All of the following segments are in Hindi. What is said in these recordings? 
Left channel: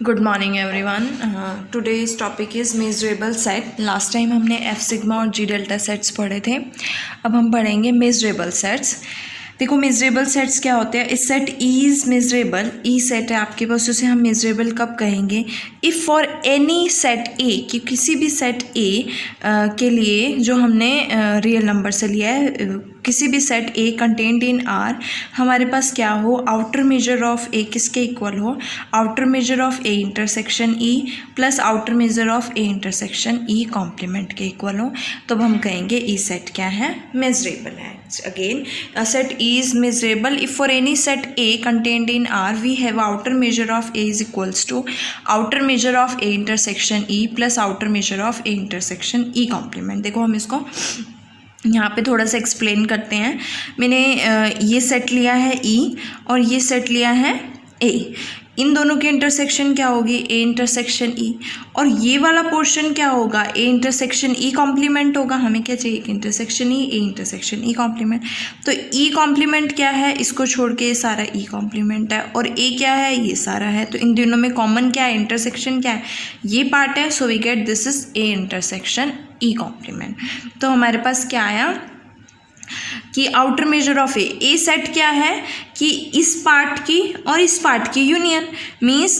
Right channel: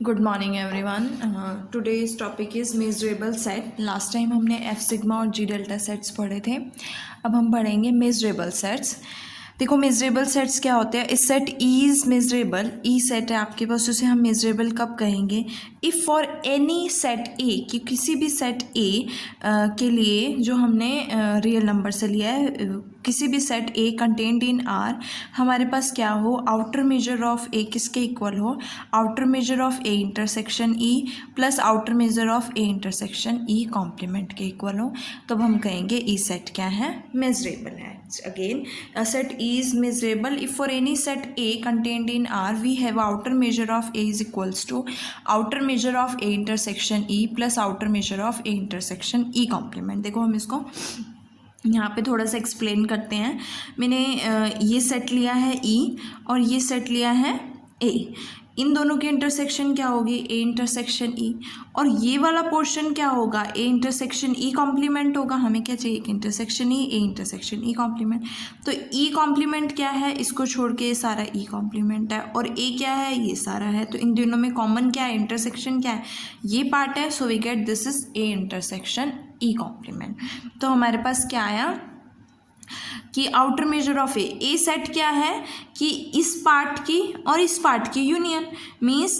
Good morning everyone. Today's topic is measurable set. Last time हमने एफ सिग्मा और जी डेल्टा सेट्स पढ़े थे, अब हम पढ़ेंगे मेजरेबल सेट्स। देखो मेजरेबल सेट्स क्या होते हैं। इस set E is measurable, E set है आपके पास, उसे हम मेजरेबल कब कहेंगे? इफ़ फॉर एनी सेट ए, कि किसी भी सेट ए के लिए जो हमने रियल नंबर से लिया है, किसी भी set A contained in are, हमारे पास क्या हो, आउटर मेजर ऑफ ए किसके इक्वल हो, outer measure of A intersection E plus outer measure of A intersection E complement के इक्वल हो, तो हम कहेंगे ई सेट क्या है, मेजरेबल है। Again a set E is measurable if for any set A contained in R we have outer measure of A is equals to outer measure of A intersection E plus outer measure of A intersection E complement। देखो हम इसको यहाँ पे थोड़ा सा एक्सप्लेन करते हैं। मैंने ये सेट लिया है E और ये सेट लिया है A, इन दोनों के इंटरसेक्शन क्या होगी, ए इंटरसेक्शन ई, और ये वाला पोर्शन क्या होगा, ए इंटरसेक्शन ई कॉम्प्लीमेंट होगा। हमें क्या चाहिए, intersection E, A intersection E complement. तो ई कॉम्प्लीमेंट क्या है, इसको छोड़ के ये सारा ई कॉम्प्लीमेंट है, और ए क्या है, ये सारा है। तो इन दोनों में कॉमन क्या है, इंटरसेक्शन क्या है, ये पार्ट है। So we get this is A intersection E complement. तो हमारे पास क्या आया कि outer measure of A set क्या है कि इस पार्ट की और इस पार्ट की union, means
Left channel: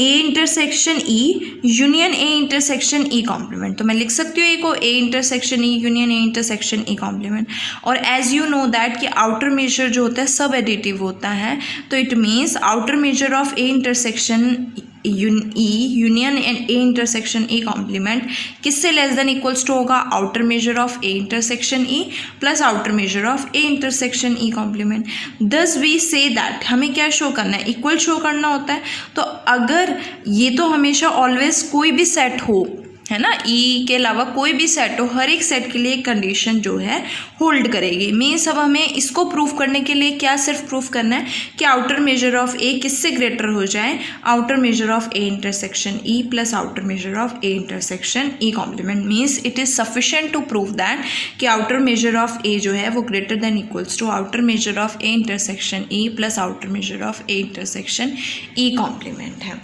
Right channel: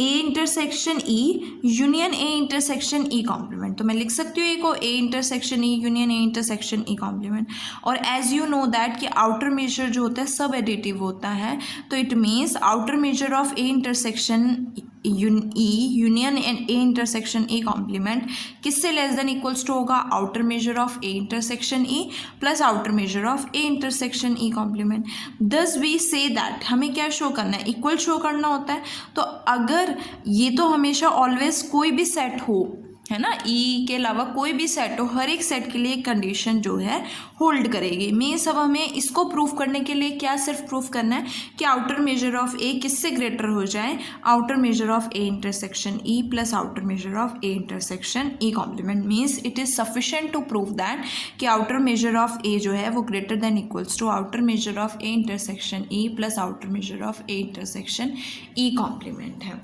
A intersection E union A intersection E complement. तो मैं लिख सकती हूँ ए को A intersection E union A intersection E complement. और एज यू नो दैट कि आउटर मेजर जो होता है सब एडिटिव होता है, तो it means outer measure of A intersection E union and A intersection A complement किससे लेस देन इक्वल्स टू होगा, outer measure of A intersection E plus outer measure of A intersection E complement. Thus we say that हमें क्या शो करना है, इक्वल शो करना होता है। तो अगर ये तो हमेशा ऑलवेज कोई भी सेट हो, है ना, ई के अलावा कोई भी सेट हो, हर एक सेट के लिए एक कंडीशन जो है होल्ड करेगी। मीन्स अब हमें इसको प्रूफ करने के लिए क्या सिर्फ प्रूफ करना है कि आउटर मेजर ऑफ ए किससे ग्रेटर हो जाए, outer measure of A intersection E plus outer measure of A intersection E complement. Means it is sufficient to prove that कि आउटर मेजर ऑफ ए जो है वो greater than equals to outer measure of A intersection E plus outer measure of A intersection E complement है।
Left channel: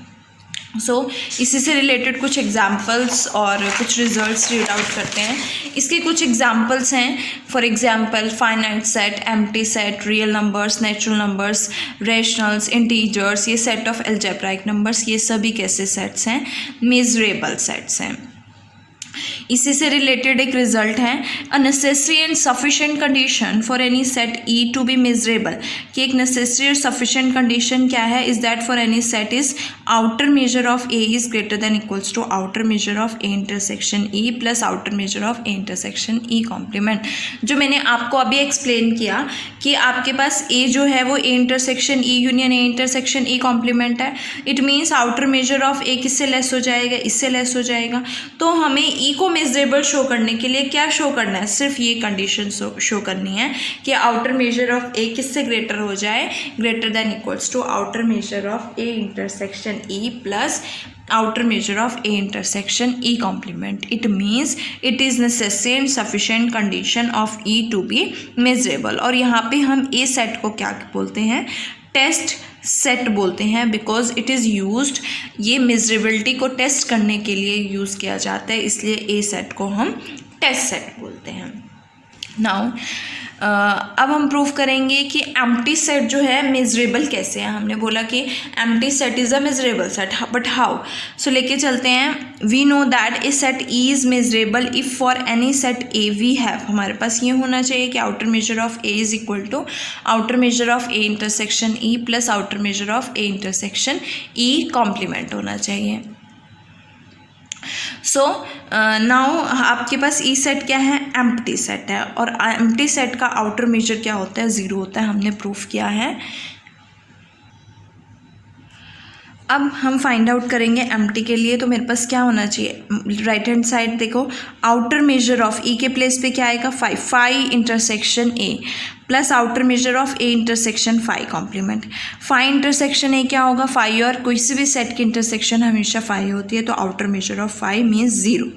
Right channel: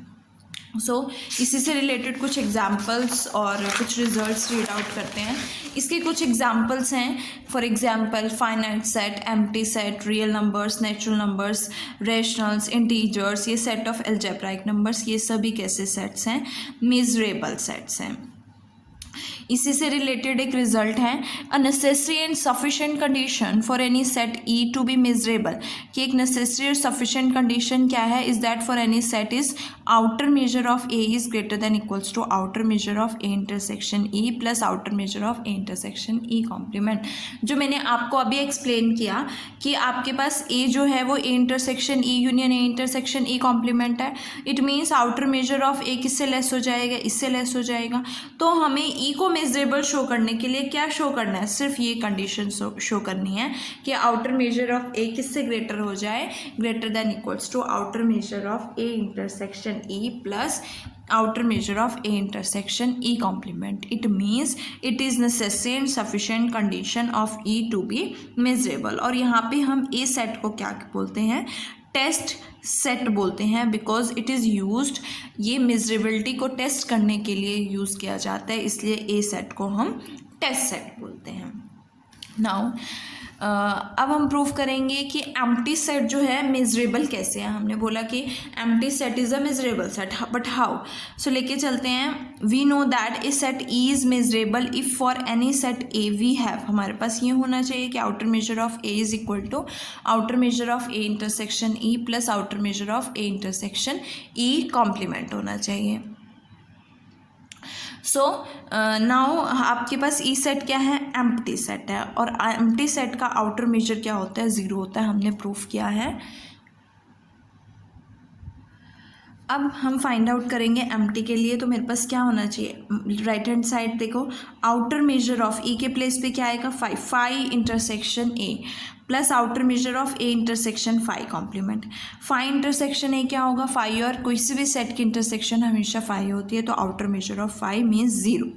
सो इसी से रिलेटेड कुछ एग्जाम्पल्स और कुछ रिजल्ट्स रीड आउट करते हैं। इसके कुछ एग्जाम्पल्स हैं, for example finite set, empty set, real numbers, natural numbers, rationals, integers, ये सेट ऑफ अलजेब्राइक नंबर्स, ये सभी कैसे सेट्स हैं, मेजरेबल सेट्स हैं। इसी से रिलेटेड एक रिजल्ट है, a necessary and sufficient condition for any set E to be measurable, कि एक नेसेसरी और सफिशिएंट कंडीशन क्या है, is that for any set is outer measure of A is greater than equals to outer measure of A intersection E plus outer measure of A intersection E complement. जो मैंने आपको अभी एक्सप्लेन किया कि आपके पास ए जो है वो A intersection E union A intersection E complement है, it means outer measure of A किससे लेस हो जाएगा, इससे लेस हो जाएगा। तो हमें ई को मेजरेबल शो करने के लिए क्या शो करना है, सिर्फ ये कंडीशन शो करनी है कि आउटर मेजर ऑफ ए किससे ग्रेटर हो जाए, greater than equals to outer measure of A intersection E plus outer measure of A intersection E complement. It means it is necessary and sufficient condition of E to be measurable। और यहाँ पे हम A set को क्या बोलते हैं, टेस्ट सेट बोलते हैं, बिकॉज इट इज़ यूज्ड, ये मेजरेबिलिटी को टेस्ट करने के लिए यूज़ किया जाता है, इसलिए A सेट को हम टेस्ट सेट बोलते हैं। नाउ अब हम प्रूव करेंगे कि एम्प्टी सेट जो है मेजरेबल कैसे है। हमने बोला कि empty set is a measurable set, but how. So लेके चलते हैं, we know that A set E is measurable if for any set A we have, हमारे पास ये होना चाहिए कि outer measure of A is equal to outer measure of A intersection E plus outer measure of A intersection E complement होना चाहिए। सो नाउ आपके पास ई सेट क्या है, एम्प्टी सेट है, और एम्प्टी सेट का आउटर मेजर क्या होता है, ज़ीरो होता है, हमने प्रूफ किया है। अब हम फाइंड आउट करेंगे एम्प्टी के लिए, तो मेरे पास क्या होना चाहिए, राइट हैंड साइड देखो, आउटर मेजर ऑफ ई के प्लेस पे क्या आएगा, phi intersection A plus outer measure of A intersection phi complement. Phi intersection A क्या होगा, फाइव, और कोई से भी सेट की इंटरसेक्शन हमेशा फाइव होती है, तो outer measure of five means zero.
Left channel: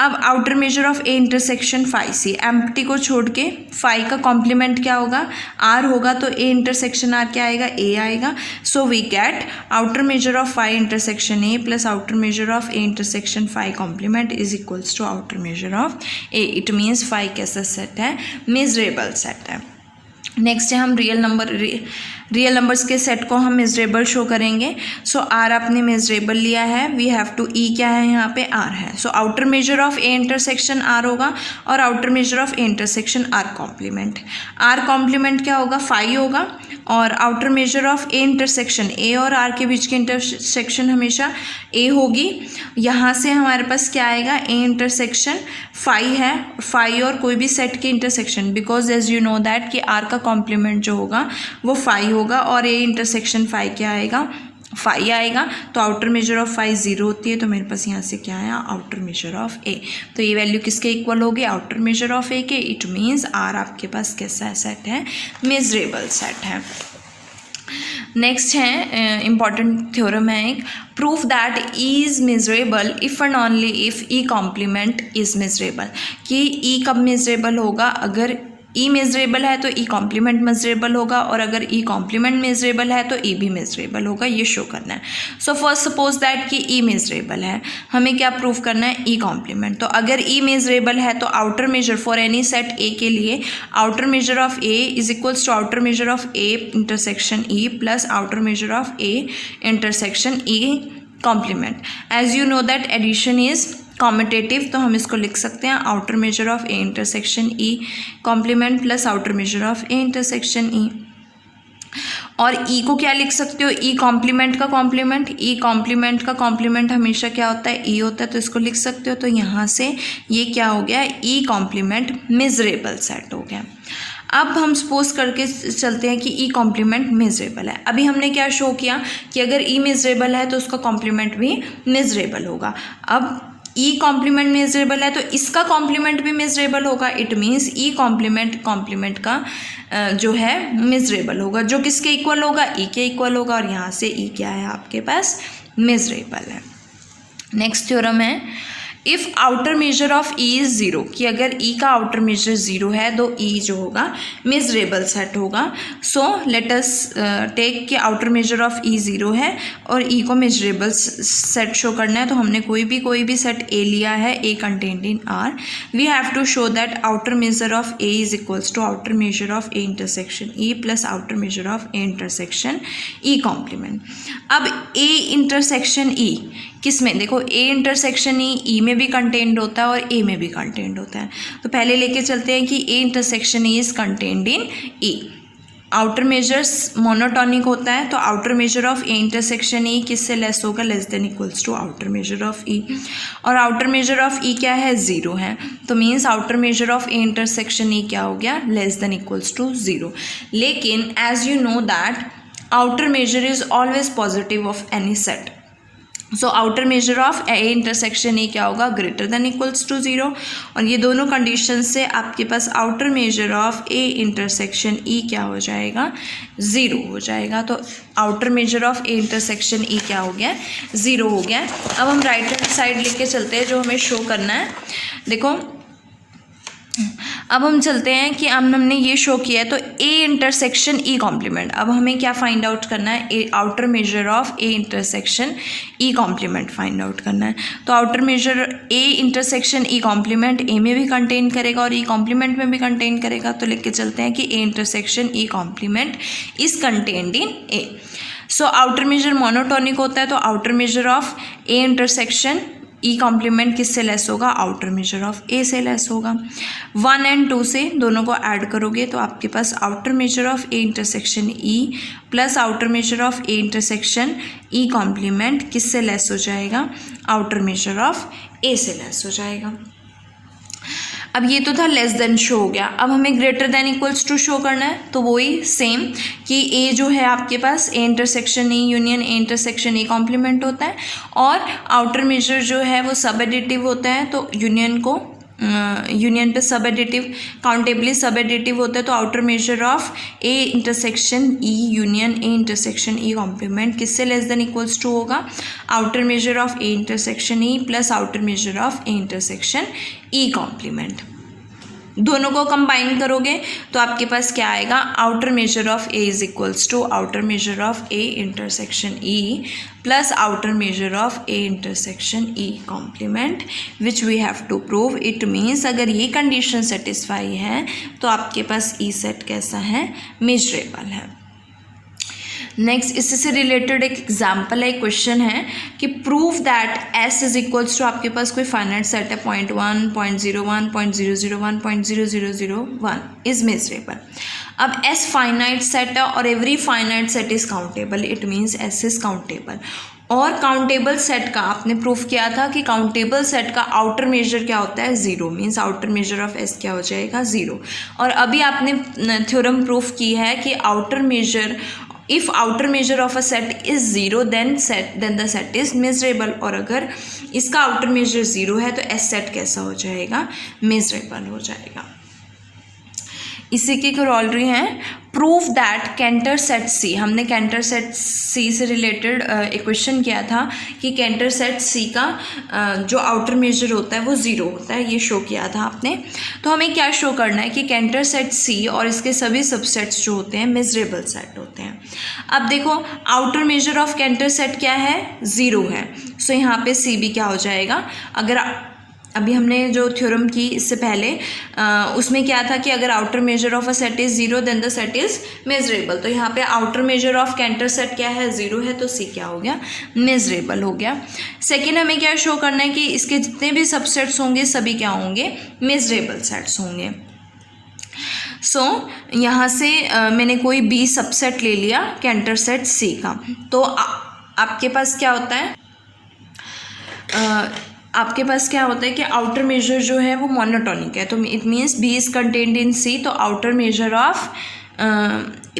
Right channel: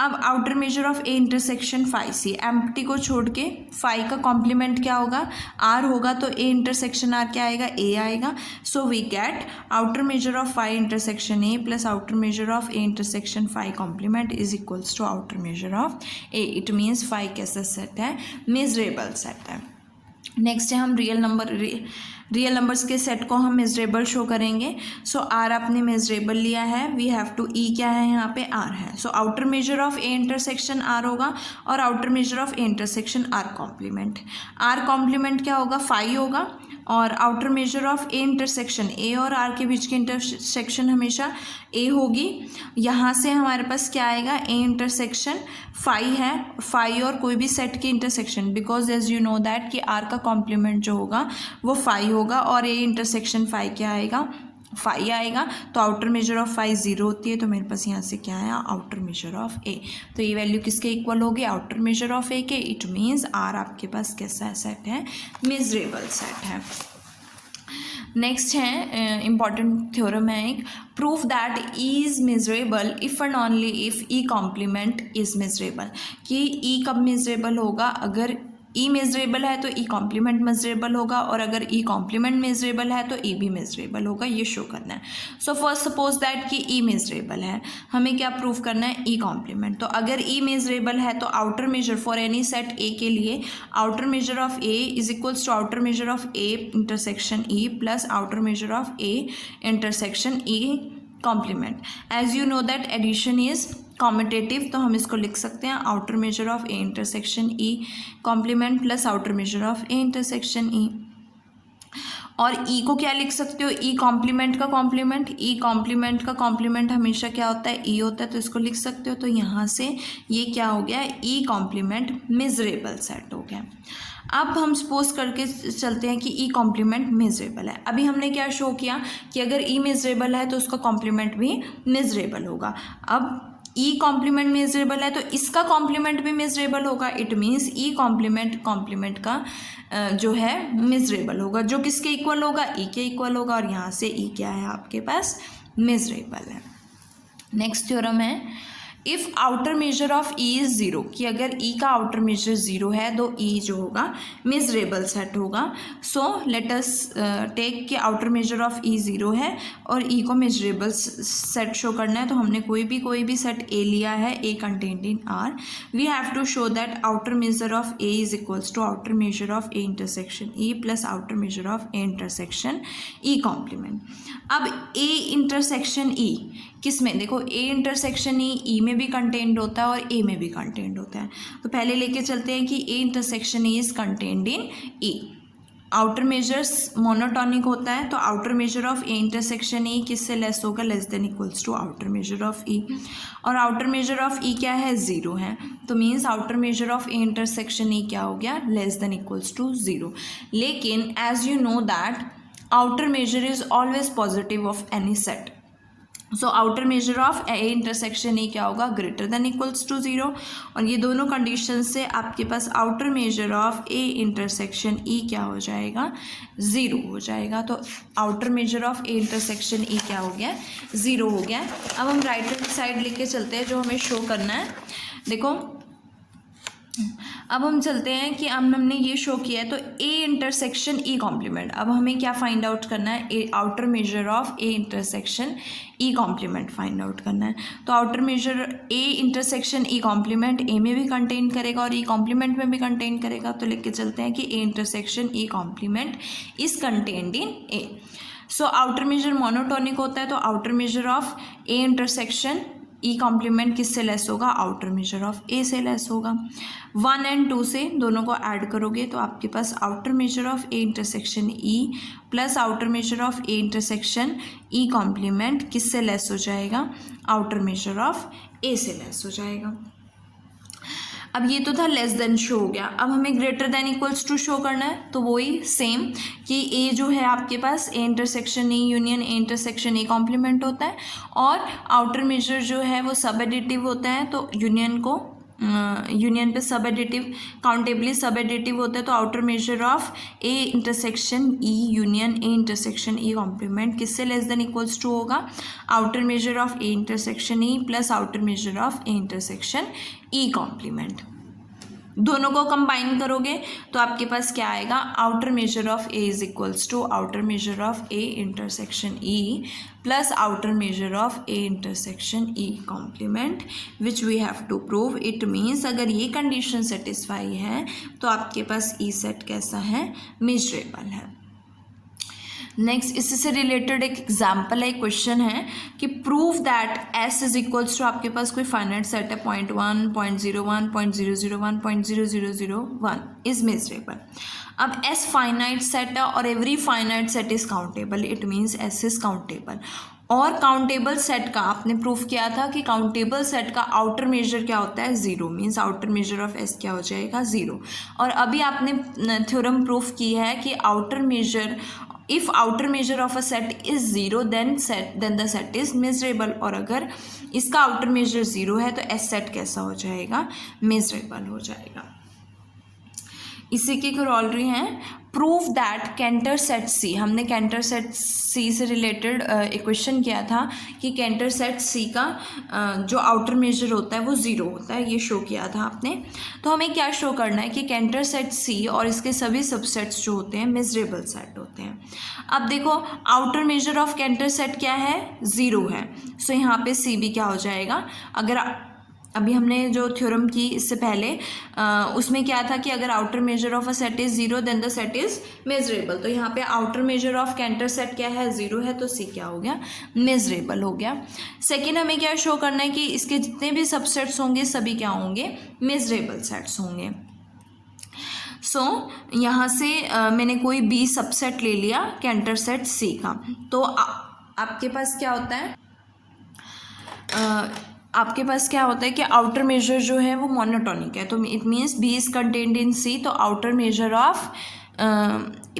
अब outer measure of A intersection phi C, empty को छोड़ के फाई का कॉम्प्लीमेंट क्या होगा, आर होगा, तो ए इंटरसेक्शन आर क्या आएगा, ए आएगा. So we get outer measure of phi intersection A plus outer measure of A intersection phi complement is equals to outer measure of A. It means phi कैसा सेट है, मेजरेबल सेट है. नेक्स्ट है हम रियल नंबर्स के सेट को हम मेजरेबल शो करेंगे. सो आर आपने मेजरेबल लिया है, वी हैव टू ई क्या है यहाँ पे, आर है. So outer measure of A intersection R होगा और outer measure of A intersection R complement. R complement क्या होगा, फाई होगा, और outer measure of A intersection A और आर के बीच की इंटरसेक्शन हमेशा ए होगी. यहाँ से हमारे पास क्या आएगा, ए इंटरसेक्शन फाई है, फाई और कोई भी सेट की intersection, because as you know that कि आर का कॉम्प्लीमेंट जो होगा वो फाई होगा और ए इंटरसेक्शन फाई क्या आएगा, फाई आएगा. तो आउटर मेजर ऑफ फाई 0 होती है, तो मेरे पास यहाँ से क्या आया, आउटर मेजर ऑफ ए. तो ये वैल्यू किसके इक्वल होगी, आउटर मेजर ऑफ ए के. इट मीन्स आर आपके पास कैसा सेट है, मेजरेबल सेट है. नेक्स्ट है इम्पॉर्टेंट थ्योरम है एक, proof that E is measurable if and only if E complement is measurable. कि ई कब मेजरेबल होगा, अगर ई मेजरेबल है तो ई कॉम्प्लीमेंट मेजरेबल होगा, और अगर ई कॉम्प्लीमेंट मेजरेबल है तो ई भी मेजरेबल होगा, ये शो करना है. सो फर्स्ट सपोज दैट कि ई मेजरेबल है, हमें क्या प्रूफ करना है, ई कॉम्प्लीमेंट. तो अगर ई मेजरेबल है तो outer measure for any set A के लिए outer measure of A is equals to outer measure of A intersection E plus outer measure of A intersection E complement. As you know that addition is commutative, तो हम इसको लिख सकते हैं outer measure of A intersection E complement plus outer measure of A intersection E. और ई को क्या लिख सकते हो, ई कॉम्प्लीमेंट का कॉम्प्लीमेंट, ई कॉम्प्लीमेंट का कॉम्प्लीमेंट हमेशा क्या होता है, ई होता है, तो इसको लिख सकते हो. तो यहाँ से ये क्या हो गया, ई कॉम्प्लीमेंट मेजरेबल सेट हो गया. अब हम सपोज करके चलते हैं कि ई कॉम्प्लीमेंट मेजरेबल है. अभी हमने क्या शो किया कि अगर ई मेजरेबल है तो उसका कॉम्प्लीमेंट भी मेजरेबल होगा. अब ई कॉम्प्लीमेंट मेजरेबल है तो इसका कॉम्प्लीमेंट भी मेजरेबल होगा. इट मीन्स ई कॉम्प्लीमेंट का जो है मेजरेबल होगा, जो किसके इक्वल होगा, ई के इक्वल होगा, और यहाँ से ई क्या है आपके पास, मेजरेबल है. नेक्स्ट थ्योरम है, if outer measure of E is 0, कि अगर ई का आउटर मेजर 0 है तो ई जो होगा मेजरेबल सेट होगा. सो लेट अस टेक कि आउटर मेजर ऑफ ई 0 है और ई को मेजरेबल सेट शो करना है. तो हमने कोई भी सेट ए लिया है, A contained in R. We have to show that outer measure of A is equals to outer measure of A intersection E plus outer measure of A intersection E complement. अब ए इंटरसेक्शन ई किस में, देखो ए इंटरसेक्शन ई में भी कंटेंड होता है और ए में भी कंटेंड होता है. तो पहले लेके चलते हैं कि A intersection E is contained in E. Outer measures monotonic होता है, तो outer measure of A intersection E किससे लेस होगा, less than equals to outer measure of E. और आउटर मेजर ऑफ ई क्या है, 0 है, तो means outer measure of A intersection E क्या हो गया, लेस देन इक्वल्स टू 0. लेकिन as you know that outer measure is always positive of any set. So outer measure of A intersection E क्या होगा, ग्रेटर देन इक्वल्स टू 0. और ये दोनों कंडीशन से आपके पास outer measure of A intersection E क्या हो जाएगा, 0 हो जाएगा. तो outer measure of A intersection E क्या हो गया, 0 हो गया. अब हम राइट हैंड साइड लेके चलते हैं, जो हमें शो करना है. देखो अब हम चलते हैं कि अब हमने ये शो किया है, तो ए इंटरसेक्शन ई कॉम्प्लीमेंट. अब हमें क्या फाइंड आउट करना है, outer measure of A intersection E complement find out करना है. तो outer measure A intersection E complement A में भी कंटेन करेगा और ई कॉम्प्लीमेंट में भी कंटेन करेगा. तो लिख के चलते हैं कि A intersection E complement is contained in A. So outer measure monotonic होता है, तो outer measure of A intersection E complement किससे लेस होगा, आउटर मेजर ऑफ ए से लेस होगा. 1 और 2 से दोनों को ऐड करोगे तो आपके पास outer measure of A intersection E plus outer measure of A intersection E complement किससे लेस हो जाएगा, आउटर मेजर ऑफ ए से लेस हो जाएगा. अब ये तो था लेस देन शो हो गया. अब हमें greater than equals to show करना है, तो वही सेम कि ए जो है आपके पास A intersection E union A intersection E complement होता है, और आउटर मेजर जो है वो सब एडिटिव होता है, तो यूनियन को यूनियन पे सब एडिटिव, काउंटेबली सब एडिटिव होता है, तो outer measure of A intersection E union A intersection E complement किससे लेस देन इक्वल्स टू होगा, outer measure of A intersection E plus outer measure of A intersection E complement. दोनों को कंबाइन करोगे तो आपके पास क्या आएगा, outer measure of A is equals to outer measure of A intersection E plus outer measure of A intersection E complement which we have to prove. It means अगर ये कंडीशन सेटिस्फाई है तो आपके पास ई सेट कैसा है, मेजरेबल है। नेक्स्ट इससे से रिलेटेड एक एग्जाम्पल है, क्वेश्चन है कि prove that S is equals to, आपके पास कोई फाइनाइट सेट है 0.1, 0.01, 0.001, 0.0001 इज मेजरेबल। अब एस फाइनाइट सेट है और every finite set is countable, it means S is countable. और काउंटेबल सेट का आपने प्रूफ किया था कि काउंटेबल सेट का आउटर मेजर क्या होता है, zero, means outer measure of S क्या हो जाएगा, ज़ीरो। और अभी आपने थ्योरम प्रूफ की है कि outer measure, if outer measure of a set is zero then the set is measurable. और अगर इसका आउटर मेजर ज़ीरो है तो एस सेट कैसा हो जाएगा, मेजरेबल हो जाएगा। इसी की करोलरी है प्रूफ दैट कैंटर सेट सी। हमने कैंटर सेट सी से रिलेटेड एक क्वेश्चन किया था कि कैंटर सेट सी का जो आउटर मेजर होता है वो ज़ीरो होता है, ये शो किया था आपने। तो हमें क्या शो करना है कि कैंटर सेट सी और इसके सभी सबसेट्स जो होते हैं मेजरेबल सेट होते हैं। अब देखो outer measure of Cantor set क्या है, ज़ीरो है, सो यहाँ पे सी भी क्या हो जाएगा। अगर अभी हमने जो थ्योरम की इससे पहले उसमें क्या था कि अगर outer measure of a set is zero then the set is measurable. तो यहाँ पे outer measure of Cantor set क्या है, ज़ीरो है, तो सी क्या हो गया, मेजरेबल हो गया। सेकेंड हमें क्या शो करना है कि इसके जितने भी सबसेट्स होंगे सभी क्या होंगे, मेजरेबल सेट्स होंगे। यहाँ से मैंने कोई बी सबसेट ले लिया कैंटर सेट सी का, तो आपके पास क्या होता है, आपके पास क्या होता है कि आउटर मेजर जो है वो मोनोटोनिक है, तो it means B is contained in C, तो outer measure of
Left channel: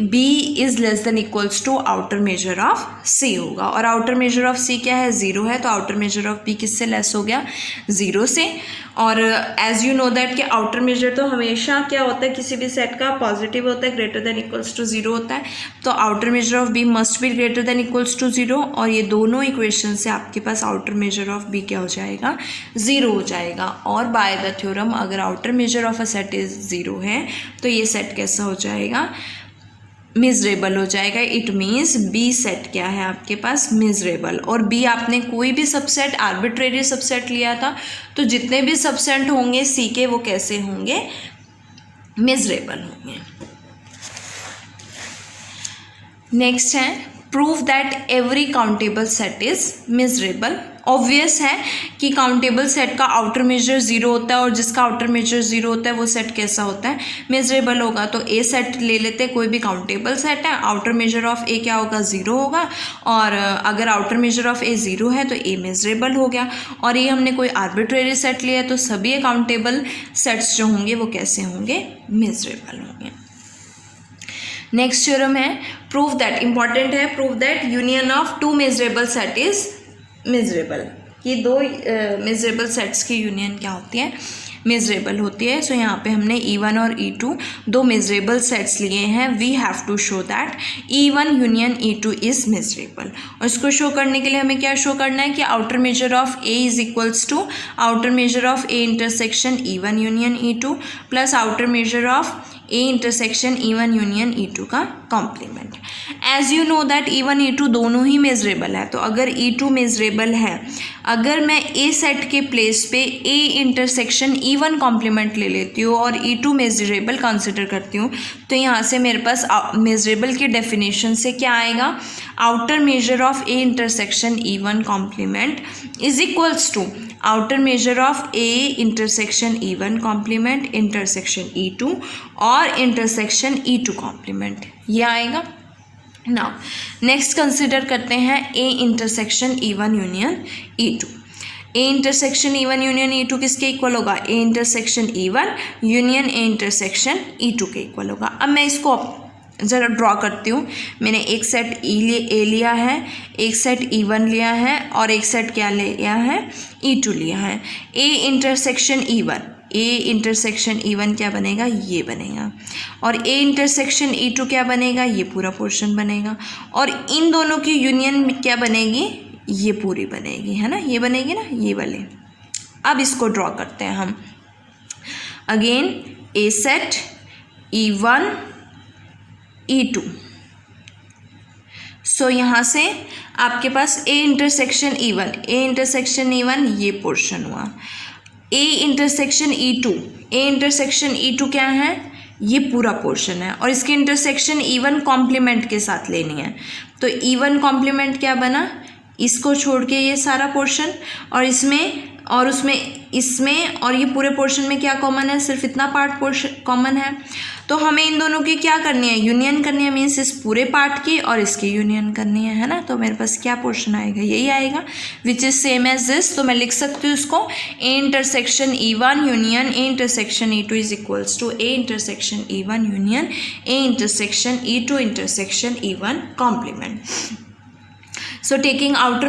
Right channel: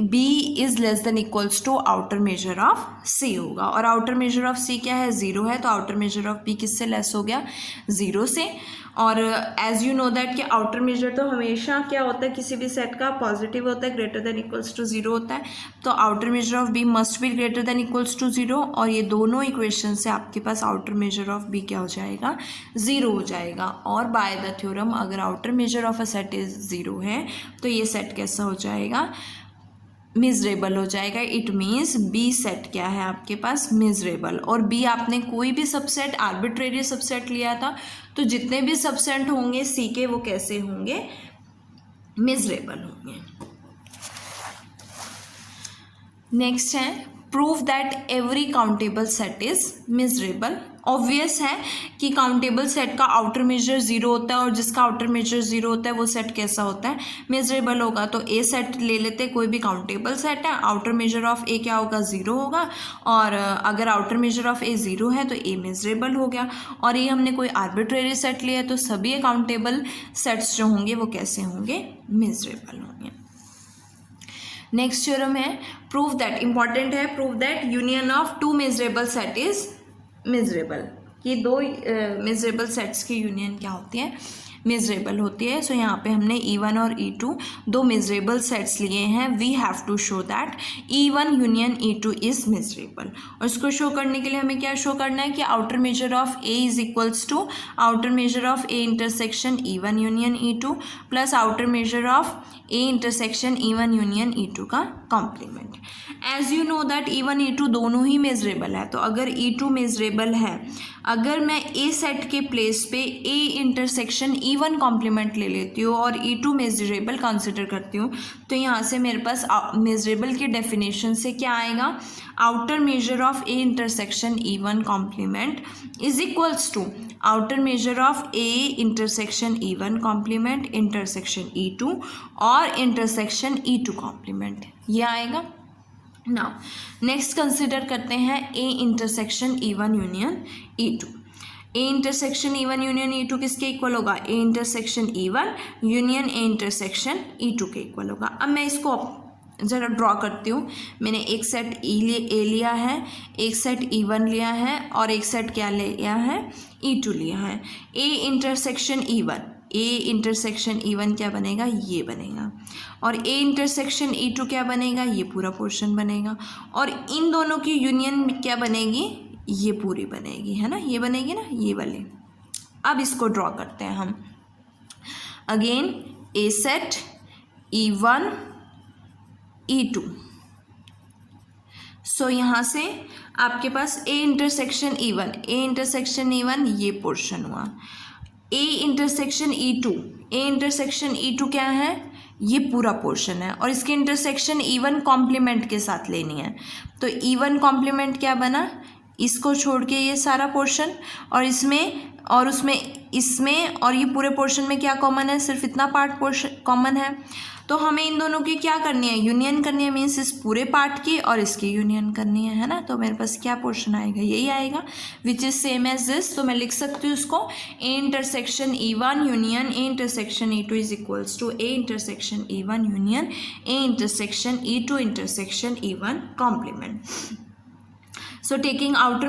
B is less than equals to outer measure of C होगा। और आउटर मेजर ऑफ सी क्या है, ज़ीरो है, तो आउटर मेजर ऑफ बी किससे लेस हो गया, ज़ीरो से। और एज यू नो दैट कि आउटर मेजर तो हमेशा क्या होता है, किसी भी सेट का पॉजिटिव होता है, greater than equals to zero होता है, तो outer measure of B must be greater than equals to zero. और ये दोनों इक्वेशन से आपके पास आउटर मेजर ऑफ बी क्या हो जाएगा, ज़ीरो हो जाएगा। और बाय द थ्योरम अगर outer measure of a set is zero है तो ये सेट कैसा हो जाएगा, मेजरेबल हो जाएगा। इट मीन्स बी सेट क्या है आपके पास, मेजरेबल। और बी आपने कोई भी सबसेट आर्बिट्रेरी सबसेट लिया था, तो जितने भी सबसेट होंगे सी के वो कैसे होंगे, मेजरेबल होंगे। नेक्स्ट है prove that every countable set is measurable. Obvious है कि काउंटेबल सेट का आउटर मेजर ज़ीरो होता है और जिसका आउटर मेजर ज़ीरो होता है वो सेट कैसा होता है, मेजरेबल होगा। तो ए सेट ले लेते हैं, कोई भी काउंटेबल सेट है, आउटर मेजर ऑफ ए क्या होगा, ज़ीरो होगा। और अगर outer measure of A zero है तो ए मेजरेबल हो गया। और ये हमने कोई आर्बिट्रेरी सेट लिया है तो सभी काउंटेबल सेट्स जो होंगे वो कैसे होंगे, मेजरेबल होंगे। नेक्स्ट थ्योरम है प्रूव दैट, इंपॉर्टेंट है, prove that union of two measurable set is measurable. कि दो मेजरेबल सेट्स की यूनियन क्या होती है, मेजरेबल होती है। सो यहाँ पे हमने E1 और E2 दो मेजरेबल सेट्स लिए हैं। We have to show that E1 union E2 is measurable. और इसको शो करने के लिए हमें क्या शो करना है कि outer measure of A is equals to outer measure of A intersection E1 union E2 plus outer measure of A intersection E1 union E2 का complement. As you know that E1 E2 दोनों ही मेजरेबल है, तो अगर E2 मेजरेबल है, अगर मैं ए सेट के प्लेस पे ए इंटरसेक्शन E1 कॉम्प्लीमेंट ले लेती हूँ और E2 मेजरेबल कंसिडर करती हूँ, तो यहाँ से मेरे पास मेजरेबल की डेफिनेशन से क्या आएगा, outer measure of A intersection E1 complement is equals to outer measure of A intersection E1 complement intersection E2 और इंटरसेक्शन E2 कॉम्प्लीमेंट, ये आएगा। नाउ नेक्स्ट कंसिडर करते हैं ए इंटरसेक्शन E1 यूनियन E2। ए इंटरसेक्शन E1 यूनियन E2 किसके इक्वल होगा, ए intersection E1 union A intersection E2 के इक्वल होगा। अब मैं इसको ज़रा ड्रॉ करती हूँ। मैंने एक सेट ए लिया है, एक सेट E1 लिया है और एक सेट क्या लिया है, E2 लिया है। A intersection E1 A intersection E1 क्या बनेगा, ये बनेगा, और ए इंटरसेक्शन E2 क्या बनेगा, ये पूरा पोर्शन बनेगा, और इन दोनों की यूनियन क्या बनेगी, ये पूरी बनेगी, है ना, ये बनेगी ना, ये वाले। अब इसको ड्रॉ करते हैं हम। अगेन ए सेट E1 E2। सो यहाँ से आपके पास ए इंटरसेक्शन E1 ये पोर्शन हुआ, ए इंटरसेक्शन E2 क्या है, ये पूरा पोर्शन है, और इसके इंटरसेक्शन E1 कॉम्प्लीमेंट के साथ लेनी है। तो E1 कॉम्प्लीमेंट क्या बना, इसको छोड़ के ये सारा पोर्शन, और इसमें और ये पूरे पोर्शन में क्या कॉमन है, सिर्फ इतना पार्ट पोर्शन कॉमन है। तो हमें इन दोनों की क्या करनी है, यूनियन करनी है, मीन्स इस पूरे पार्ट की और इसकी यूनियन करनी है ना। तो मेरे पास क्या पोर्शन आएगा, यही आएगा, which is same as this. तो मैं लिख सकती हूँ इसको, A intersection E1 union A intersection E2 is equals to A intersection E1 union A intersection E2 intersection E1 complement. So taking outer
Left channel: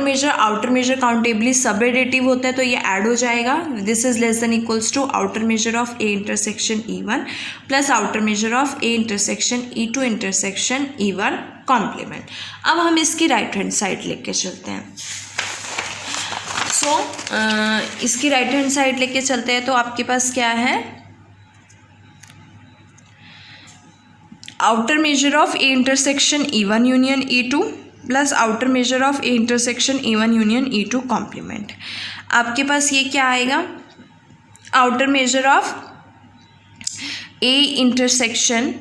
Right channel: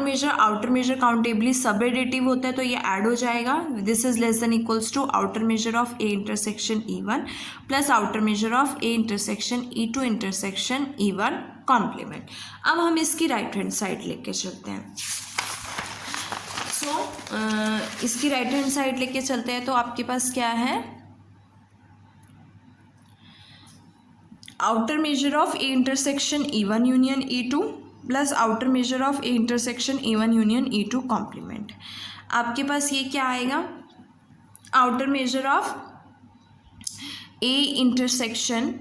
measure countably सब एडिटिव होता है, तो ये ऐड हो जाएगा। This is less than equals to outer measure of A intersection E1 plus outer measure of A intersection E2 intersection E1 complement. अब हम इसकी राइट हैंड साइड लेके चलते हैं। इसकी राइट हैंड साइड लेके चलते हैं, तो आपके पास क्या है, outer measure of A intersection E1 union E2 plus outer measure of A intersection E1 union E2 complement. आपके पास ये क्या आएगा, outer measure of A intersection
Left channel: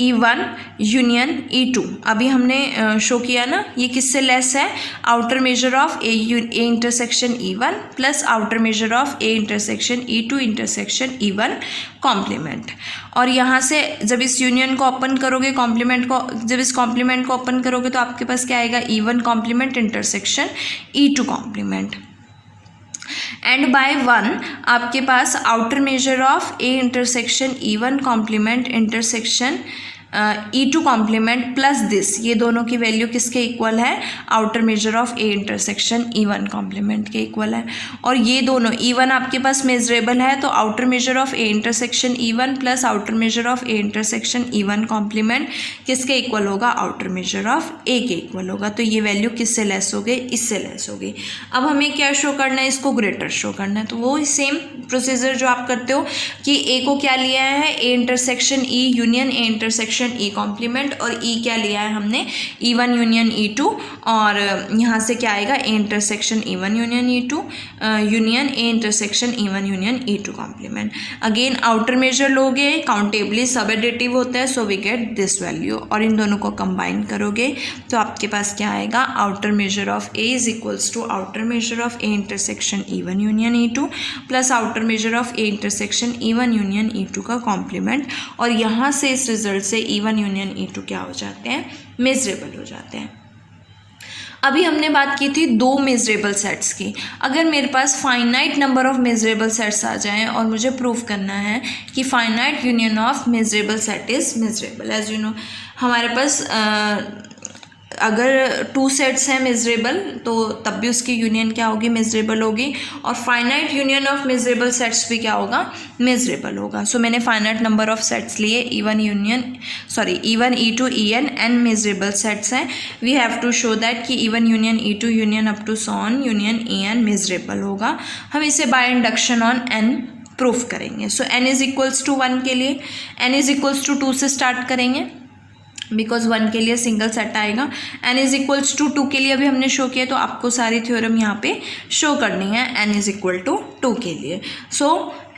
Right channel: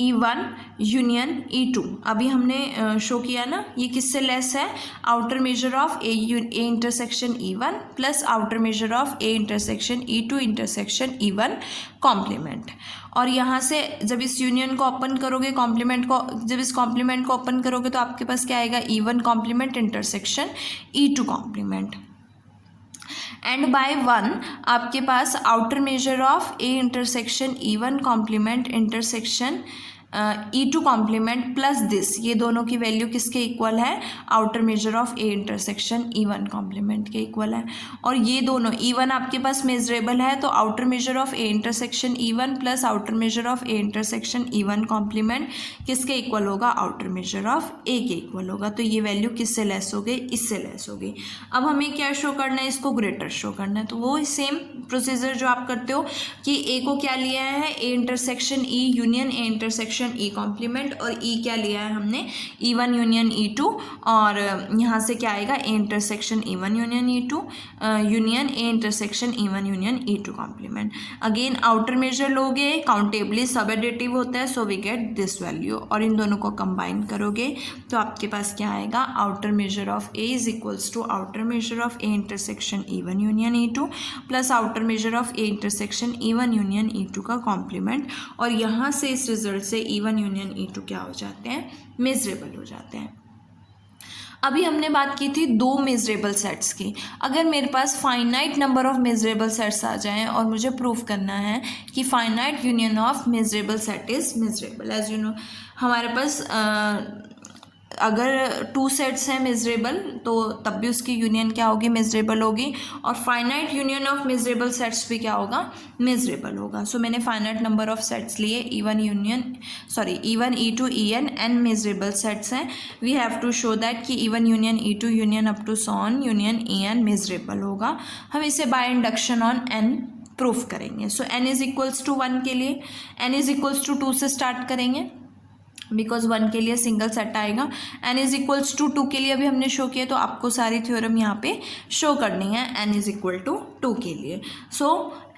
E1 union E2। अभी हमने शो किया ना, ये किससे लेस है, outer measure of A intersection E1 plus outer measure of A intersection E2 intersection E1 complement. और यहाँ से जब इस यूनियन को ओपन करोगे, जब इस कॉम्प्लीमेंट को ओपन करोगे, तो आपके पास क्या आएगा, E1 complement intersection E2 complement. And by 1 आपके पास outer measure of A intersection E1 complement intersection E2 complement plus this, ये दोनों की वैल्यू किसके इक्वल है, outer measure of A intersection E1 complement के इक्वल है। और ये दोनों E1 आपके पास मेजरेबल है, तो outer measure of A intersection E1 plus outer measure of A intersection E1 complement किसके इक्वल होगा, आउटर मेजर ऑफ ए के इक्वल होगा। तो ये वैल्यू किससे लेस हो गई, इससे लेस हो गई। अब हमें क्या शो करना है, इसको ग्रेटर शो करना है। तो वो सेम प्रोसीजर जो आप करते हो कि ए को क्या लिया है, A intersection E union A intersection E complement, और E क्या लिया है हमने, E1 यूनियन E2, और यहाँ से क्या आएगा, A intersection E1 union E2 union A intersection E1 union E2 complement. Again outer measure लोगे, काउंटेबली सब एडिटिव होता है, so we get this value, और इन दोनों को कंबाइन करोगे तो आपके पास क्या आएगा, outer measure of A is equals to outer measure of A intersection E1 union E2 plus outer measure of A intersection E1 union E2 का कॉम्प्लीमेंट। और यहाँ से इस रिजल्ट से E1 यूनियन E2 क्या हो जाते हैं, मेजरेबल हो जाते हैं। अभी हमने बात की थी दो मेजरेबल सेट्स की। अगर मेरे पास finite number of measurable sets आ जाएं और मुझे प्रूव करना है कि finite union of measurable set is measurable, as you know हमारे पास अगर 2 सेट्स हैं मेजरेबल, तो तब भी उसकी यूनियन क्या होगी, मेजरेबल होगी। और finite union of measurable sets भी क्या होगा, मेजरेबल होगा। सो मैंने फाइनाइट नंबर ऑफ सेट्स लिए, E1 E2 En n measurable sets हैं। We have to show that कि E1 union E2 union up to so on union En measurable होगा। हम इसे बाय इंडक्शन ऑन n प्रूफ करेंगे। So n is equals to 1 के लिए, n इज इक्वल्स टू 2 से स्टार्ट करेंगे, बिकॉज 1 के लिए सिंगल सेट आएगा। n इज इक्वल्स टू 2 के लिए अभी हमने शो किया, तो आपको सारी थ्योरम यहाँ पे शो करनी है n इज इक्वल टू 2 के लिए। सो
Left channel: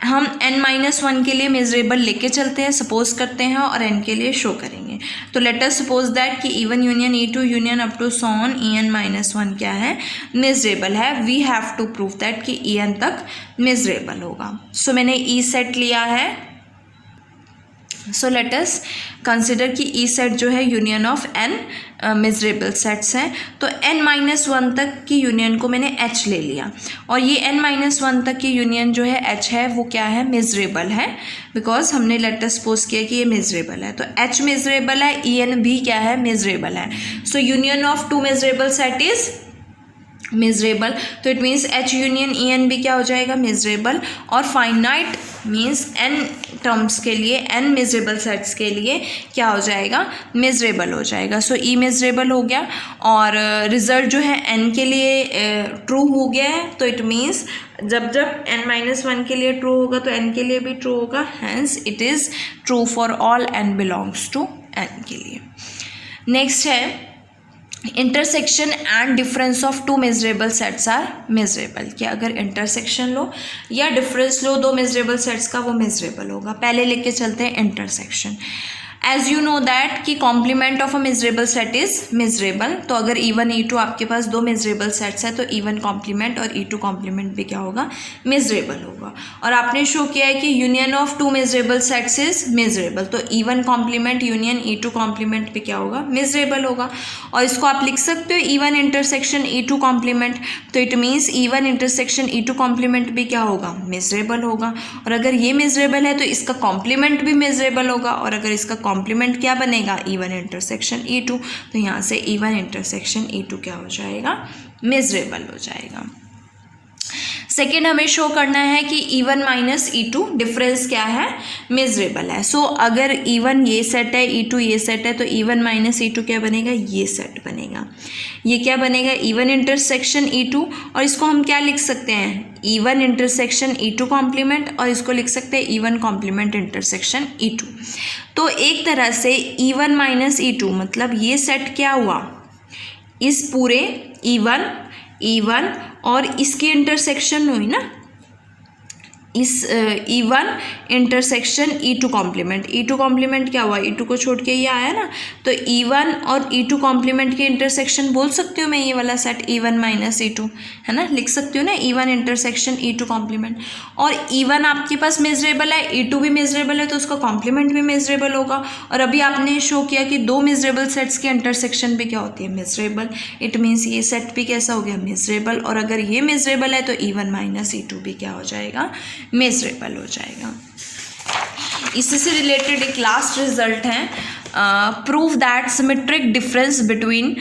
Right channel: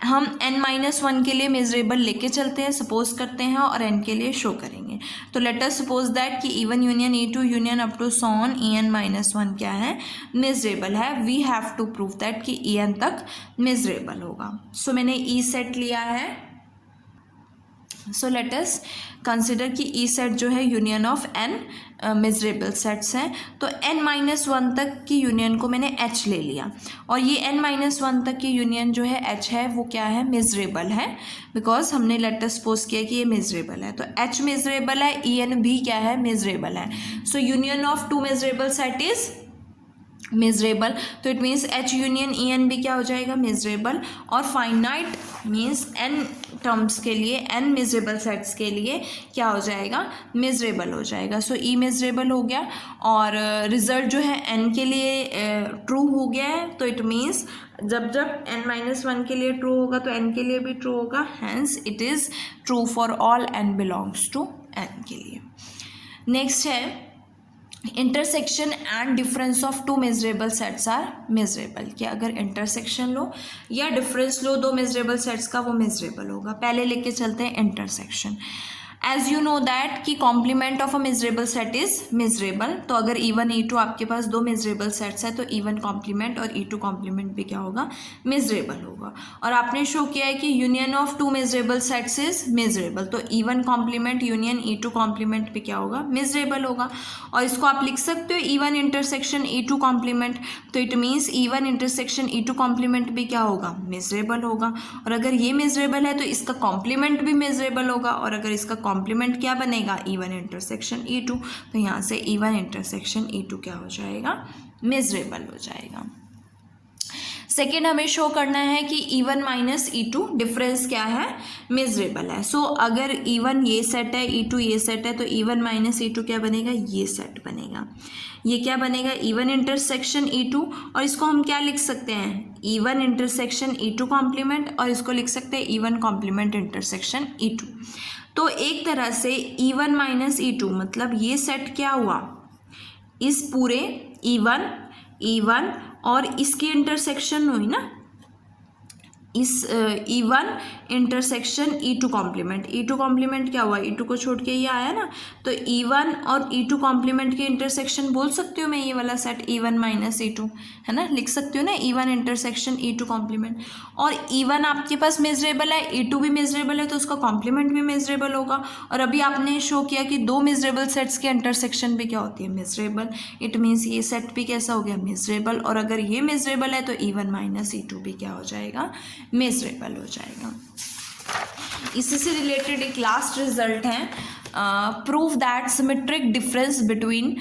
हम n-1 के लिए मेजरेबल लेके चलते हैं, सपोज करते हैं, और n के लिए शो करेंगे। तो लेट अस सपोज दैट कि E1 union E2 union up to सॉन En-1 क्या है, मेजरेबल है। We have to prove that कि En तक मेजरेबल होगा। सो मैंने E सेट लिया है। सो लेट अस कंसिडर कि E सेट जो है union of n measurable sets हैं। तो n-1 तक की यूनियन को मैंने H ले लिया, और ये n-1 तक की यूनियन जो है H है, वो क्या है, मेजरेबल है, बिकॉज हमने लेट अस सपोज किया कि ये मेजरेबल है। तो H मेजरेबल है, En भी क्या है, मेजरेबल है। So union of 2 measurable set is measurable, तो it means H union E n भी क्या हो जाएगा, मिजरेबल। और फाइनाइट मीन्स एन टर्म्स के लिए, एन मिजरेबल सेट्स के लिए क्या हो जाएगा, मिजरेबल हो जाएगा। सो ई मिजरेबल हो गया और रिजल्ट जो है एन के लिए ट्रू हो गया है। तो इट मीन्स जब जब n-1 के लिए ट्रू होगा तो n के लिए भी ट्रू होगा, hence it is true for all n belongs to n के लिए। नेक्स्ट है intersection and difference of two measurable sets are measurable, कि अगर इंटरसेक्शन लो या डिफरेंस लो दो मेजरेबल सेट्स का, वो मेजरेबल होगा। पहले लेके चलते हैं intersection. As you know that कि complement of a measurable set is measurable, तो अगर E1 E2 आपके पास दो मेजरेबल सेट्स है तो E1 कॉम्प्लीमेंट और E2 कॉम्प्लीमेंट भी क्या होगा, मेजरेबल होगा। और आपने शो किया है कि union of two measurable sets is measurable, तो E1 complement union E2 complement भी क्या होगा, मेजरेबल होगा। और इसको आप लिख सकते हो E1 इंटरसेक्शन E2 कॉम्प्लीमेंट, तो it means E1 intersection E2 complement भी क्या होगा, मेजरेबल होगा। और अगर ये मेजरेबल है तो इसका कॉम्प्लीमेंट भी मेजरेबल होगा, और अगर इसका कॉम्प्लीमेंट क्या बनेगा, E1 इंटरसेक्शन E2, तो यहाँ से E1 इंटरसेक्शन E2 क्या हो जाएगा, मेजरेबल हो जाएगा। सेकेंड हमें शो करना है कि E1 माइनस E2 डिफरेंस क्या है, मेजरेबल है। सो अगर E1 ये सेट है, E2 ये सेट है, तो E1 माइनस E2 क्या बनेगा, ये सेट बनेगा। ये क्या बनेगा, E1 इंटरसेक्शन E2, और इसको हम क्या लिख सकते हैं, E1 इंटरसेक्शन E2 कॉम्प्लीमेंट, और इसको लिख सकते हैं E1 कॉम्प्लीमेंट इंटरसेक्शन E2। तो एक तरह से E1 माइनस E2 मतलब ये सेट क्या हुआ, इस पूरे E1 और इसकी इंटरसेक्शन हुई ना, इस E1 intersection E2 complement, E2 complement क्या हुआ, E2 को छोड़ के ये आया ना, तो E1 और E2 कॉम्प्लीमेंट के इंटरसेक्शन बोल सकती हूँ मैं, ये वाला सेट E1 माइनस E2 है ना, लिख सकती हूँ ना, E1 इंटरसेक्शन E2 कॉम्प्लीमेंट। और E1 आपके पास मेजरेबल है, E2 भी मेजरेबल है, तो उसका कॉम्प्लीमेंट भी मेजरेबल होगा। और अभी आपने शो किया कि दो मेजरेबल सेट्स के इंटरसेक्शन भी क्या होती है, मेजरेबल। इट मीन्स ये सेट भी कैसा हो गया, मेजरेबल। और अगर ये मेजरेबल है तो E1 माइनस E2 भी क्या हो जाएगा, मेजरेबल हो जाएगा। इसी से रिलेटेड एक लास्ट रिजल्ट है, prove that symmetric difference between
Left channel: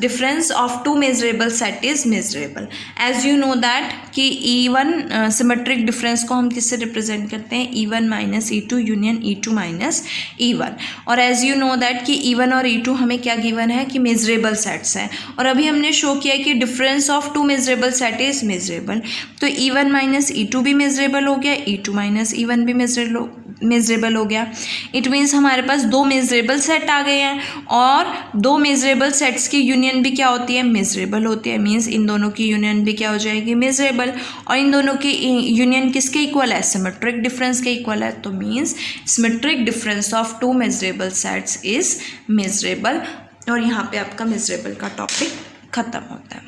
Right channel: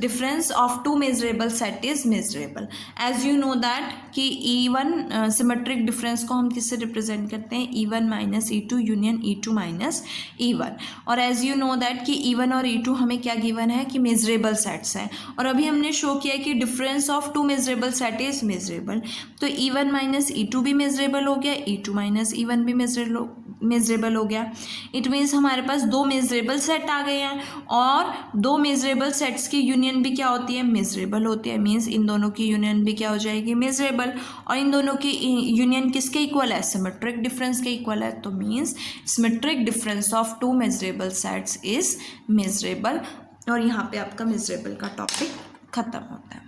difference of two measurable set is measurable. As you know that कि E1 सिमेट्रिक डिफरेंस को हम किससे रिप्रेजेंट करते हैं, E1 minus E2 union E2 minus E1। और एज यू नो दैट कि E1 और E2 हमें क्या गिवन है कि मेजरेबल सेट्स हैं, और अभी हमने शो किया कि difference of two measurable set is measurable. तो E1 माइनस E2 भी मेजरेबल हो गया, E2 माइनस E1 भी मेजरेबल हो गया। इट मीन्स हमारे पास दो मेजरेबल सेट आ गए हैं, और दो मेजरेबल सेट्स की यूनियन भी क्या होती है, मेजरेबल होती है। मीन्स इन दोनों की यूनियन भी क्या हो जाएगी, मेजरेबल। और इन दोनों की यूनियन किसके इक्वल है, सिमेट्रिक डिफरेंस के इक्वल है। तो means symmetric difference of two measurable sets is measurable. और यहाँ पे आपका मेजरेबल का टॉपिक खत्म होता है।